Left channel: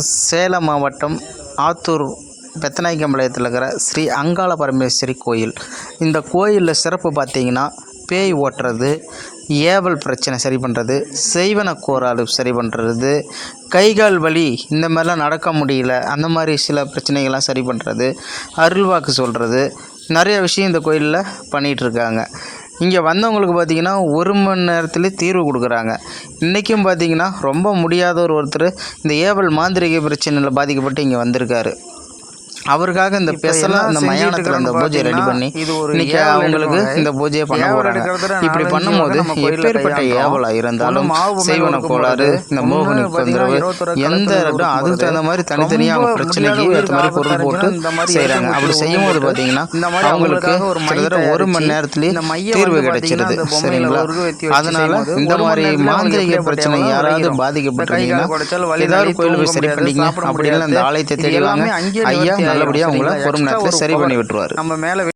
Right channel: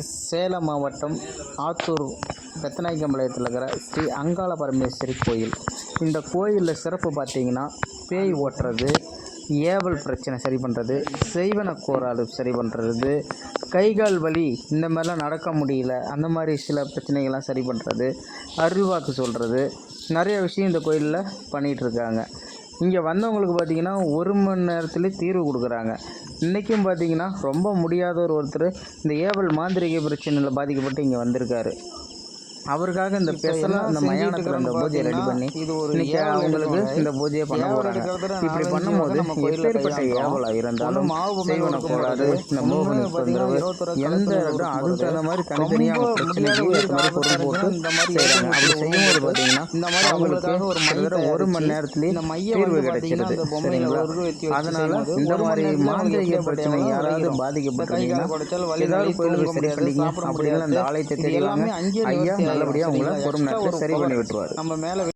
சேலம் மாவட்டம் ஆத்தூர் பெத்தநாயக்கம்பாளையத்தில் இருக்கிற ஸ்ரீ அங்காள பரமேஸ்வரி கோயில். இந்த கோயிலில் சிறப்பு பார்த்திங்கன்னா, பேய் ஓட்டுறது, ஏவல் பிரச்சனை சரி பண்ணுறது, செய்வன கோளாறு சரி பண்ணுறது, கைகால் வலி இந்த மாதிரிலாம் நடக்க முடியல, அந்த மாதிரி சில பிரச்சனைகள்லாம் சரி பண்ணுறது, அருள்வாக்கு சொல்கிறது, நிறைய விஷயம் இந்த கோயிலில் பண்ணிகிட்ருக்காங்க. இங்கே வந்தவங்களுக்கு பார்த்திங்கன்னா 1 மணி நேரத்துலேயே தீர்வு கொடுக்குறாங்க. இன்றைக்கும் பார்த்திங்கன்னா ரொம்ப முடியாத ஒருத்தர் இந்த ஏவல் மாந்திரிக பிரச்சனையில் பாதிக்கப்பட்டு இங்கே வந்திருக்காரு. அவருக்காக இந்த ஸ்பெஷலாக இந்த மயானத்தில் இந்த பூஜையை ரெடி பண்ணி இன்றைக்கி அவங்களுக்கு இந்த பூஜையை பண்ண போகிறாங்க. இப்படி பண்ணும்போது எப்பேற்பட்ட ஏவலாக இருந்தாலும் செய்வன கோளாறு, இந்த மோகினி தொந்தரவு, எந்த அதுக்கு தகுந்த மாதிரி தனித்தனியாக அவங்க பிரச்சனைக்கு ஏற்ற மாதிரி பொருள் போட்டு செய்கிறாங்க. அப்படி செய்யும்போது பார்த்தீங்கன்னா அவங்களுக்கு கிட்டத்தட்ட 1 மணி நேரத்துலேயே தீர்வு கிடைச்சிருது. சரிங்களா? அதனால் இந்த மாதிரி மாந்திரிக பிரச்சனை யாராவது பாதிக்கப்பட்டிருந்தீங்கன்னா ஏதாவது கோயில் போய் சரி பண்ணிங்க. அப்படின்னா அந்த ஆலயத்தை தேடி வாங்க. ஐயா நல்லபடியாக உங்களை ஒரு மணி நேரத்தில் சரி பண்ணி விட்டுருவார்.